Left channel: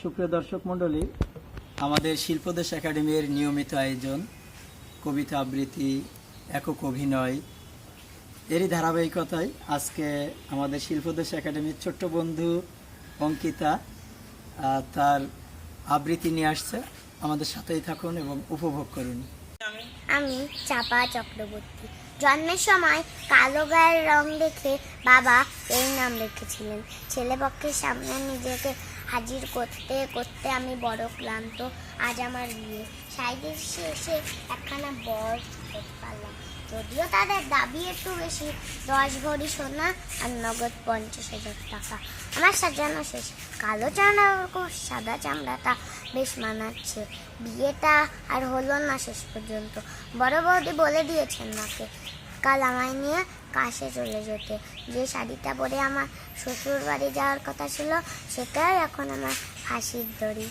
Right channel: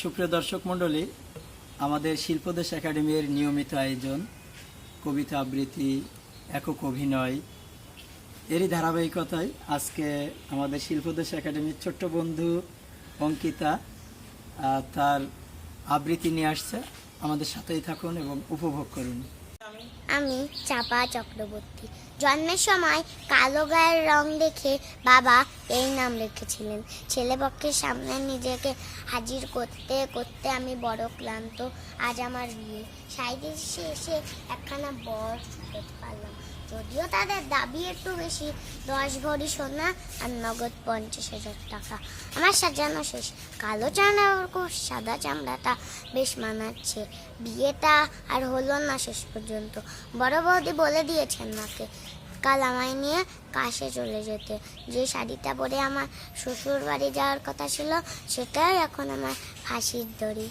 সুপ্রিয় দর্শক মণ্ডলী, আমাদের শিল্পদেশ একাডেমির নিয়মিত আয়োজন, কবিতা আবৃত্তি, একক অভিনয়, এরই ধারাবাহিকতায় আজকে আমাদের শিল্পদেশ একাডেমির ছোট্ট বন্ধু অঙ্কিতা তার আবৃত্তি নিয়ে আসছে। আমাদের সাথেই থাকুন এবং উপভোগ করুন। আমি চাপা চক্রবর্তী। জন্মের সময় কালো গায়ের রং দেখে বাবা এই নাম রেখেছিলেন ছেলেপক্ষের সামনে নিজেকে হাজির করতে করতে আমি বড় ক্লান্ত, আজ আমার বিয়ে। সাইডের শেষে একখানা বর পারলাম। যদিও তাদের দাবি একটু বেশি, দশ ভরি সোনা আর নগদ পঞ্চাশ হাজার টাকা। আমার সাজানো শেষ। কালো চামড়া সাদা চামড়াটা বেশ মানাচ্ছে। বিয়েটা আর হলো না শেষ পর্যন্ত। বড় বৌদি বলে দিয়েছেন মাকে, কাল আমায় নিয়ে কাশে চলে যেতে। যে শাড়িটা পরে আমার শ্বশুর বাড়ি যাওয়ার কথা ছিল, সেটাই এখন আমার হাসির দড়ি।